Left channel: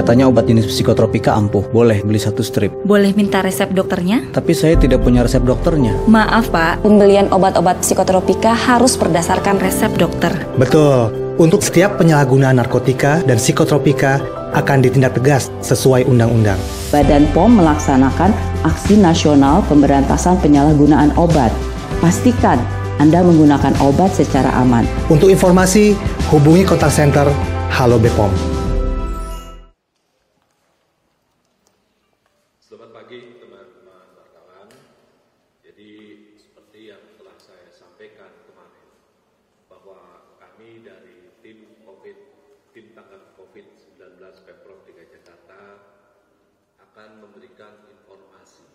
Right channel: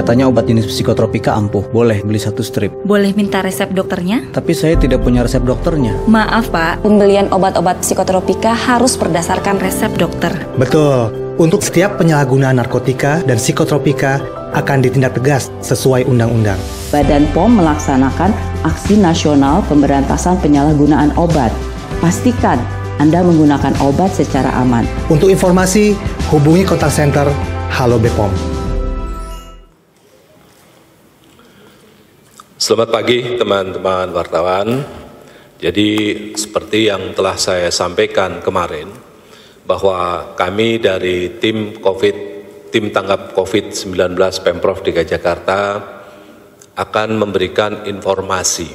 Katanya obat jenis psikotropika ampuh, boleh beli 1 strip. Boleh minta resep dokternya? Tapi saya tidak punya resep dokternya. Maaf Pak, pembelian obat-obat psikotropika harus berdasarkan resep dokter. Betul, untuk setiap penyalahgunaan narkotika dan psikotropika akan ditindak tegas sesuai undang-undang. Badan POM melaksanakan aksi nasional pemberantasan penyalahgunaan obat. Pastikan Anda menggunakan obat secara aman. Untuk informasi, hubungi kontak center Halo BPOM. Selamat pagi teman-teman wartawan. Jadi seperti yang telah saya sampaikan kemarin, bahwa kami dari tim tanggap COVID-19 Pemprov DKI Jakarta akan memberikan informasi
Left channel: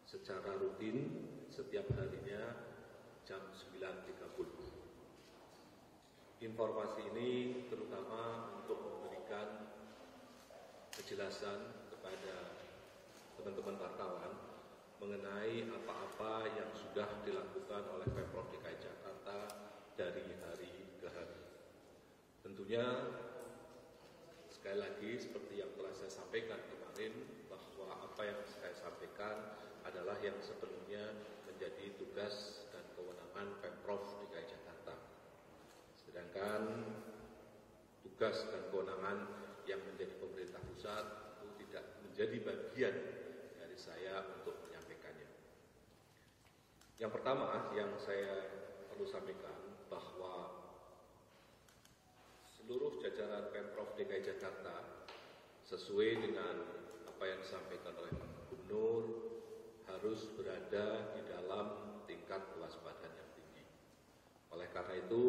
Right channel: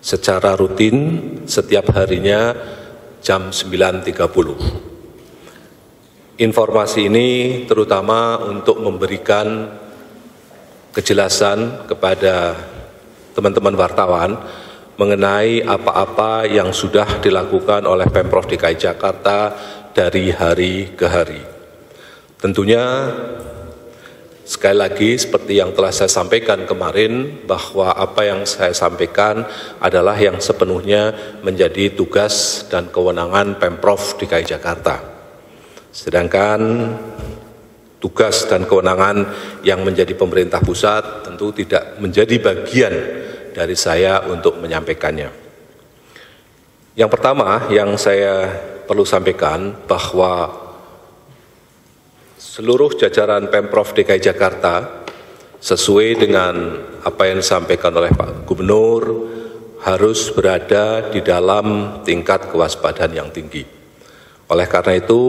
secara rutin setiap harinya jam 9.30. Informasi ini terutama untuk memberikan kejelasan kepada teman-teman wartawan mengenai apa-apa yang sudah dilakukan oleh Pemprov DKI Jakarta dari hari ke hari. Tentunya sekali lagi seperti yang telah saya sampaikan kemarin, bahwa apa yang saya sampaikan adalah yang sepenuhnya menjadi tugas dan kewenangan Pemprov DKI Jakarta. Sedangkan tugas dan kewenangan yang menjadi pemerintah pusat tentu tidak menjadi bagian dari saya untuk menyampaikannya. Yang pertama yang saya perlu sampaikan bahwa seluruh jajaran Pemprov DKI Jakarta sesuai dengan apa yang disampaikan oleh Pak Gubernur harus berada di dalam tingkat kewaspadaan yang tinggi. Oleh karena itu,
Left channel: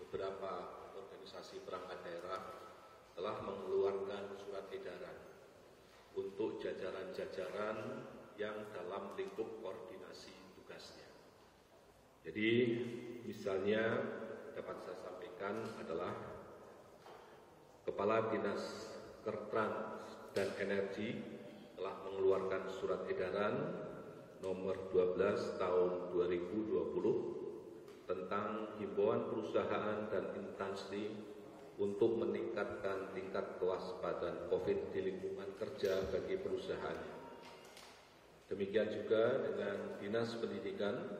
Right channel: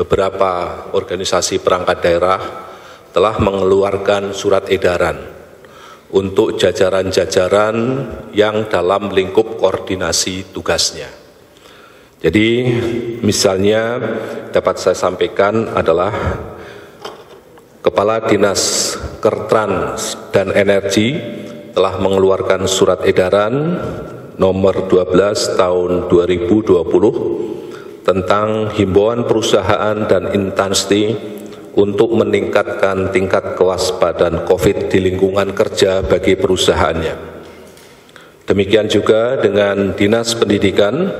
beberapa organisasi perangkat daerah telah mengeluarkan surat edaran untuk jajaran-jajaran yang dalam lingkup koordinasi tugasnya. Jadi misalnya dapat saya sampaikan adalah Kepala Dinas Kertrans dan Energi telah mengeluarkan surat edaran nomor 12 tahun 2020 tentang himbauan perusahaan dan instansi untuk meningkatkan tingkat kewaspadaan COVID di lingkungan kerja bagi perusahaannya. Demikian juga dengan Dinas Pendidikan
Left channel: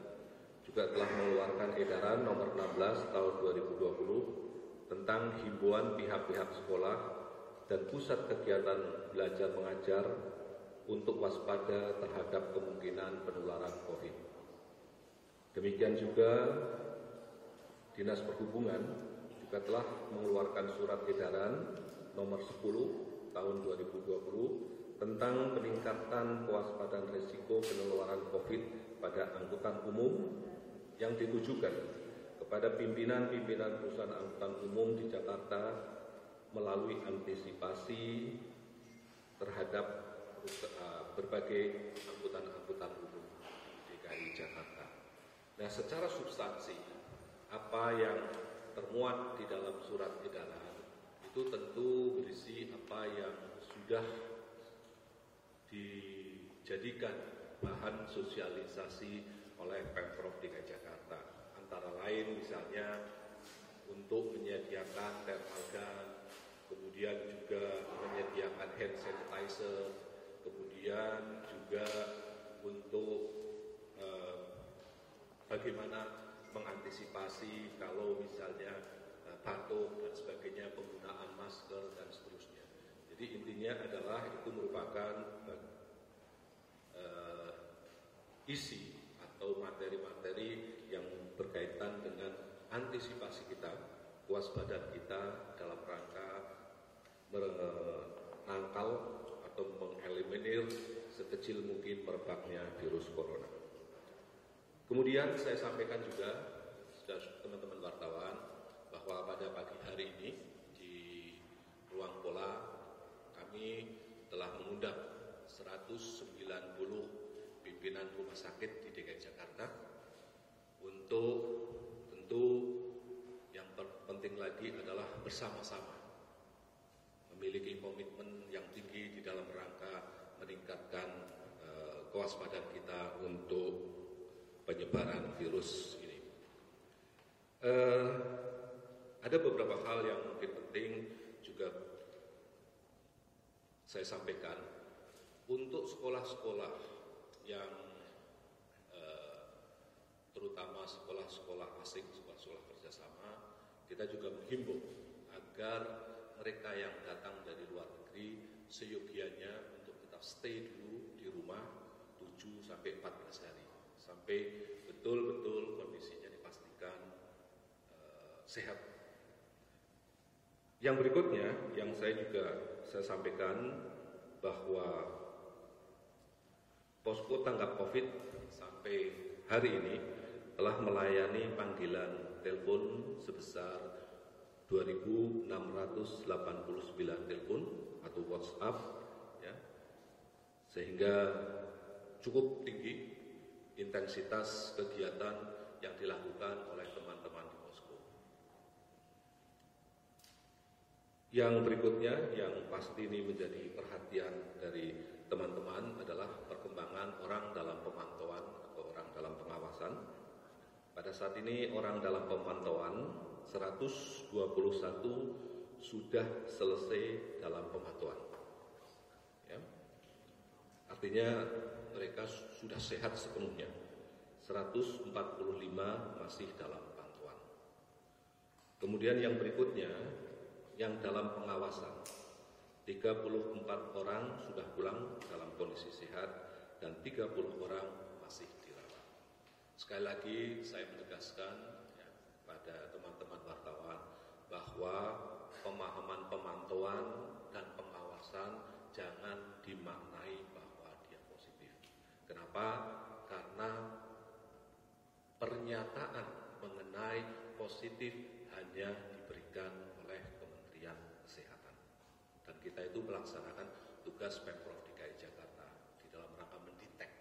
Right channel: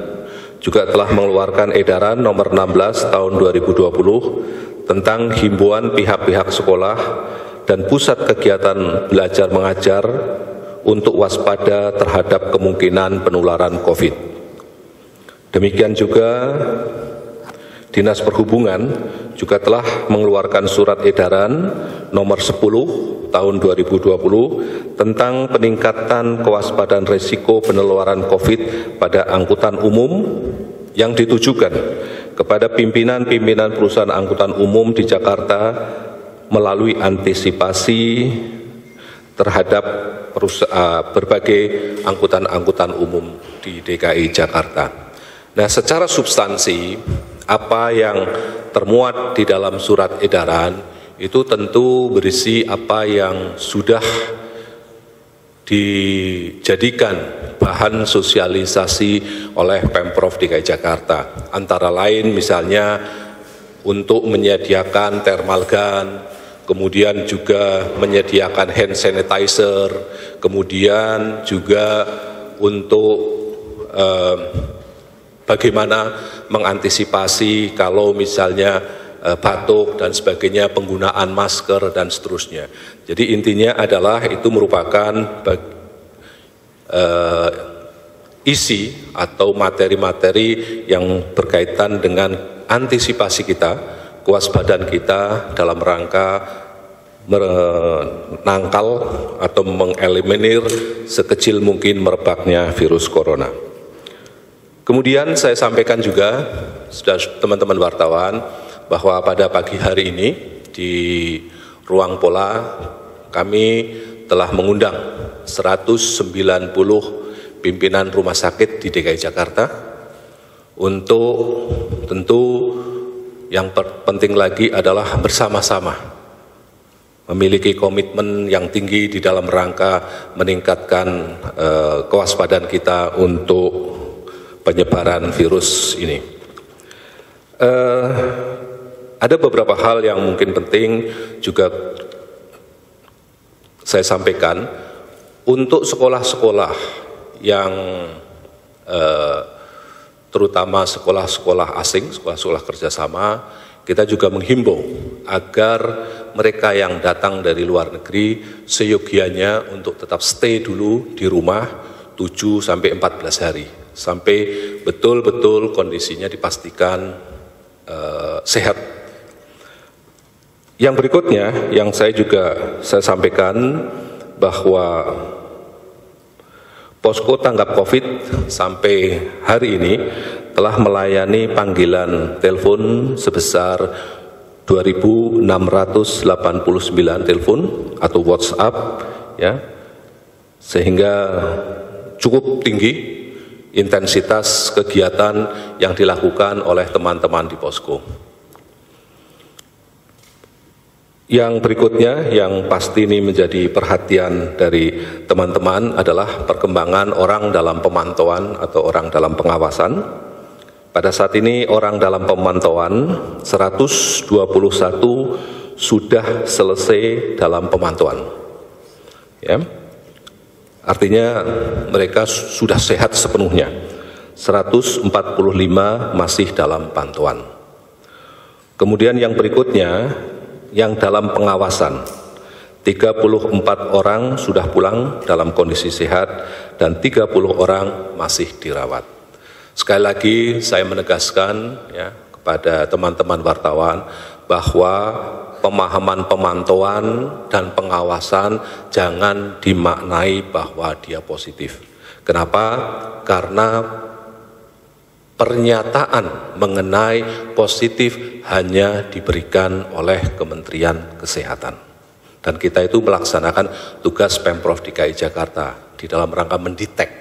juga telah mengeluarkan edaran nomor 16 tahun 2020 tentang himbauan pihak-pihak sekolah dan pusat kegiatan belajar mengajar untuk waspada terhadap kemungkinan penularan COVID. Demikian juga Dinas Perhubungan juga telah mengeluarkan surat edaran nomor 10 tahun 2020 tentang peningkatan kewaspadaan risiko penularan COVID pada angkutan umum yang ditujukan kepada pimpinan-pimpinan perusahaan angkutan umum di Jakarta melalui antisipasi terhadap berbagai angkutan-angkutan umum di DKI Jakarta. Nah, secara substansi, apa yang termuat di dalam surat edaran itu tentu berisi apa yang sudah dijadikan bahan sosialisasi oleh Pemprov DKI Jakarta. Antara lain misalnya untuk menyediakan thermal gun, kemudian juga menyediakan hand sanitizer, kemudian juga untuk bagaimana mengantisipasi kalau misalnya batuk dan sebagainya, penggunaan masker dan seterusnya. Jadi intinya adalah itu merupakan isi atau materi-materi yang berkaitan dengan antisipasi kita, kewaspadaan kita dalam rangka menangkal atau mengeliminir sekecil mungkin merebaknya virus corona. Kemudian saya sampaikan juga, teman-teman wartawan, bahwa pada pagi hari ini di Ruang Pola kami telah mengundang 190 pimpinan rumah sakit di DKI Jakarta untuk tentu yang penting lagi adalah bersama-sama memiliki komitmen yang tinggi di dalam rangka meningkatkan kewaspadaan kita untuk penyebaran virus ini. Ada beberapa hal yang mungkin penting juga saya sampaikan, untuk sekolah-sekolah yang terutama sekolah-sekolah asing, sekolah-sekolah kerjasama, kita juga menghimbau agar mereka yang datang dari luar negeri seyogianya untuk tetap stay dulu di rumah 7 sampai 14 hari, sampai betul-betul kondisinya dipastikan sehat. Yang berikutnya yang saya sampaikan bahwa posko tanggap COVID sampai hari ini telah melayani panggilan telepon sebesar 2.689 telepon atau WhatsApp, ya, sehingga cukup tinggi intensitas kegiatan yang dilakukan oleh teman-teman di posko. Yang berikutnya yang pasti ini menjadi perhatian dari teman-teman adalah perkembangan orang dalam pemantauan atau orang dalam pengawasan. Pada saat ini orang dalam pemantauan 121 sudah selesai dalam pemantauan. Ya. Artinya mereka sudah sehat sepenuhnya. 145 masih dalam pantauan. Kemudian yang berikutnya yang dalam pengawasan, 34 orang sudah pulang dalam kondisi sehat dan 30 orang masih dirawat. Sekali lagi saya menegaskan ya, kepada teman-teman wartawan bahwa pemahaman pemantauan dan pengawasan jangan dimaknai bahwa dia positif. Kenapa? Karena pernyataan mengenai positif hanya diberikan oleh Kementerian Kesehatan. Dan kita itu melaksanakan tugas Pemprov DKI Jakarta di dalam rangka mendetek.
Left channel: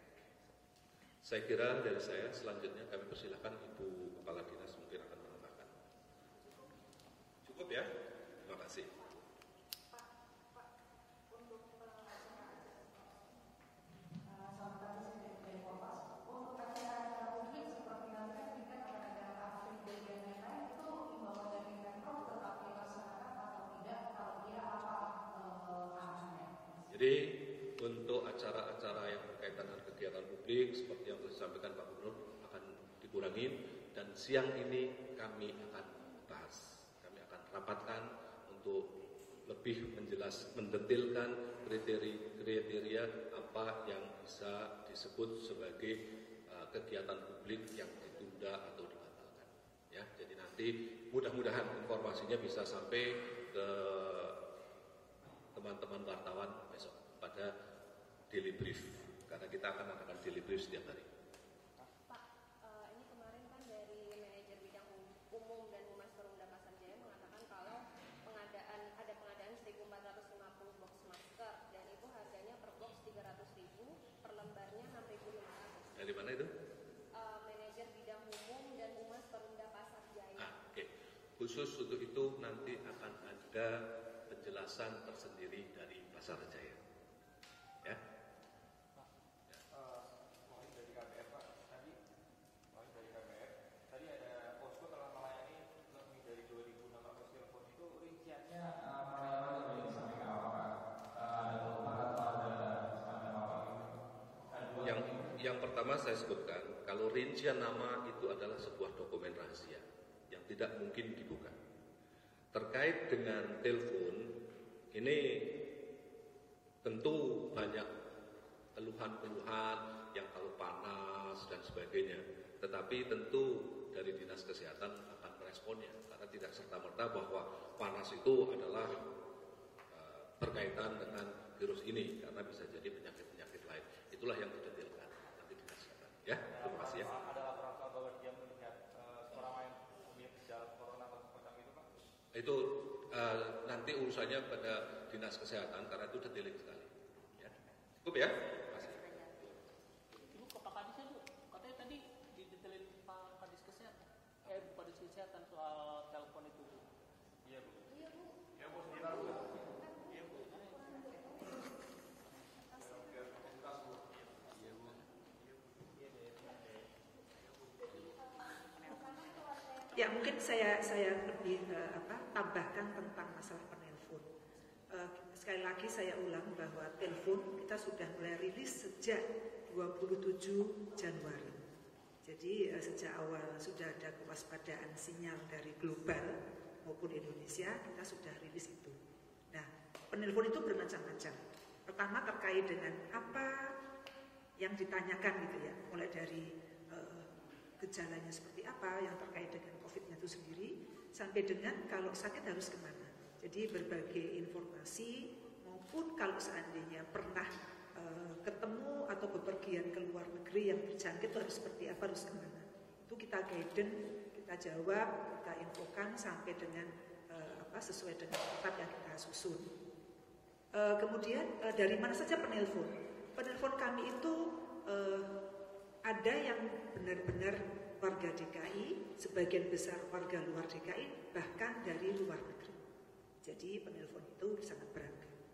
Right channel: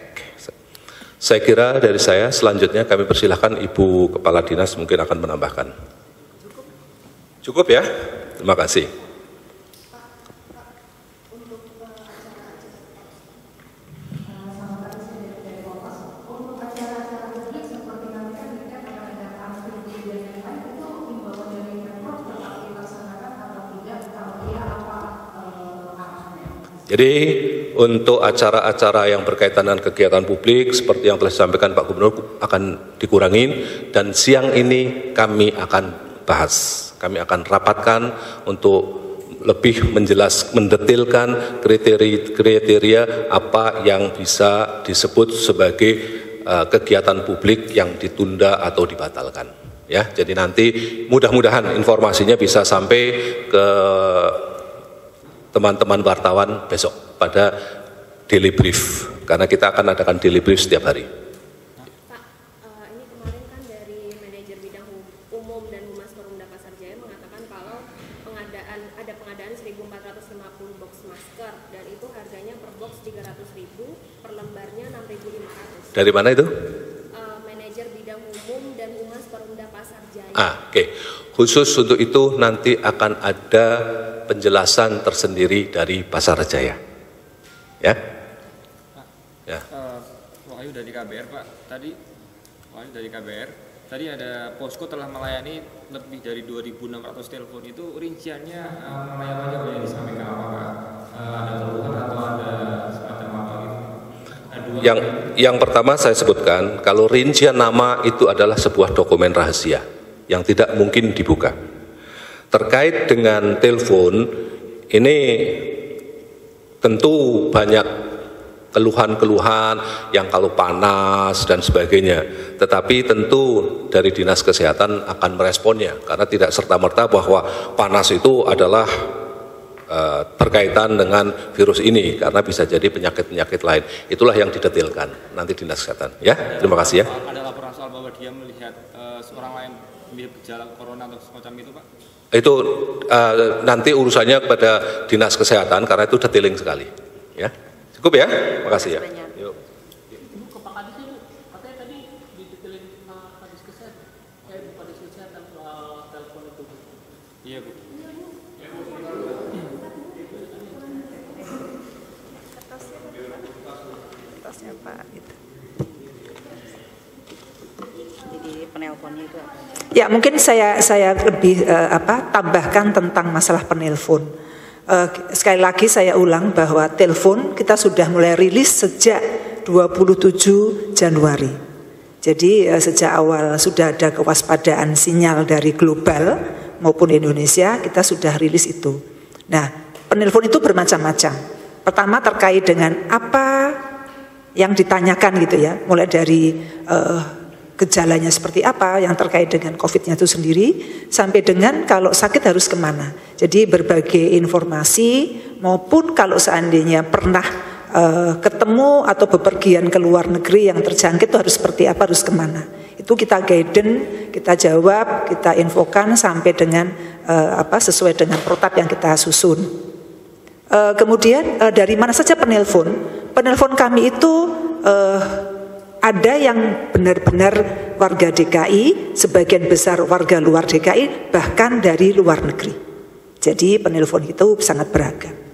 Saya kira dari saya, selanjutnya kami persilahkan Ibu Kepala Dinas mungkin akan menambahkan. Cukup ya? Terima kasih. Jadi untuk acara-acara yang berkaitan dengan kegiatan publik seperti yang telah disampaikan Pak Gubernur akan dikurangin, dan siang ini kami akan bahas, kami akan rapatkan untuk lebih mendetilkan kriteria apa yang bisa disebut sebagai kegiatan publik yang ditunda atau dibatalkan. Ya, jadi nanti mudah-mudahan informasinya bisa sampai ke teman-teman wartawan besok pada daily brief, karena kita akan adakan daily brief setiap hari. Pak, ini kemarin kan dari manajer bidang umum dan Humas Perumda Pasar Jaya mengatakan kalau ada pengadaan 1.450 box masker dan itu harganya per box 300.000, per lembarnya 6.500. Dari mana itu? Manajer bidang umum dan Humas Perumda Pasar Jaya. Oke. Khusus untuk itu nanti akan ada penjelasan tersendiri dari Pasar Jaya. Ya? Ya. Wahyu dari KBR, Pak. Wahyu dari KBR. Tadi ada posko telah melayani lebih dari 2.600 telepon. Itu rinciannya melayani apa yang disampaikan apa, Pak? Ada keluhan atau ada semacam apa gitu? Yang pertama saya sebutkan, kalau rincian nama itu adalah sebuah dokumen rahasia yang tidak mungkin dibuka. Terkait dengan telepon, ini tentu banyak keluhan-keluhan yang kalau panas dan sebagainya. Tetapi tentu dari Dinas Kesehatan akan meresponnya, karena tidak serta-merta bahwa panas itu adalah berkaitan dengan virus ini, karena bisa jadi penyakit-penyakit lain. Itulah yang didetailkan nanti Dinas Kesehatan. Ya, terima kasih ya. Ada laporan soal bahwa dia melihat seorang lain mirip gejala corona atau semacam itu, Pak? Itu nanti urusannya kepada Dinas Kesehatan, karena itu detailing sekali. Ya, cukup ya. Terima kasih ya. Yuk. Ibu ke Pak Kadis itu, katanya tadi didetailin Kadis Kesehatan, Bu Kadis Kesehatan soal telepon itu. Iya, Bu. Kertasnya Pak gitu. Jadi penelponnya itu. Ya, mungkin saya lebih tambahkan tentang masalah penelpon. sekali lagi saya ulang bahwa telepon kita sudah mulai rilis sejak 27 Januari. Jadi sejak awal sudah ada kewaspadaan sinyal dari global maupun Indonesia, kita sudah rilis itu. Nah, penelpon itu bermacam-macam. Pertama terkait dengan apa yang ditanyakan gitu ya, mulai dari gejalanya seperti apa yang terkait dengan COVID-nya itu sendiri, sampai dengan kalau sakit harus kemana. Jadi berbagai informasi maupun kalau seandainya pernah ketemu atau bepergian ke luar negeri yang terjangkit itu harus seperti apa, harus kemana. Itu kita guidance, kita jawab, kita infokan sampai dengan sesuai dengan protap yang kita susun. Kemudian dari mana saja penelpon? Penelpon kami itu ada yang benar-benar warga DKI, sebagian besar warga luar DKI, bahkan dari luar negeri. Jadi penelpon itu sangat beragam.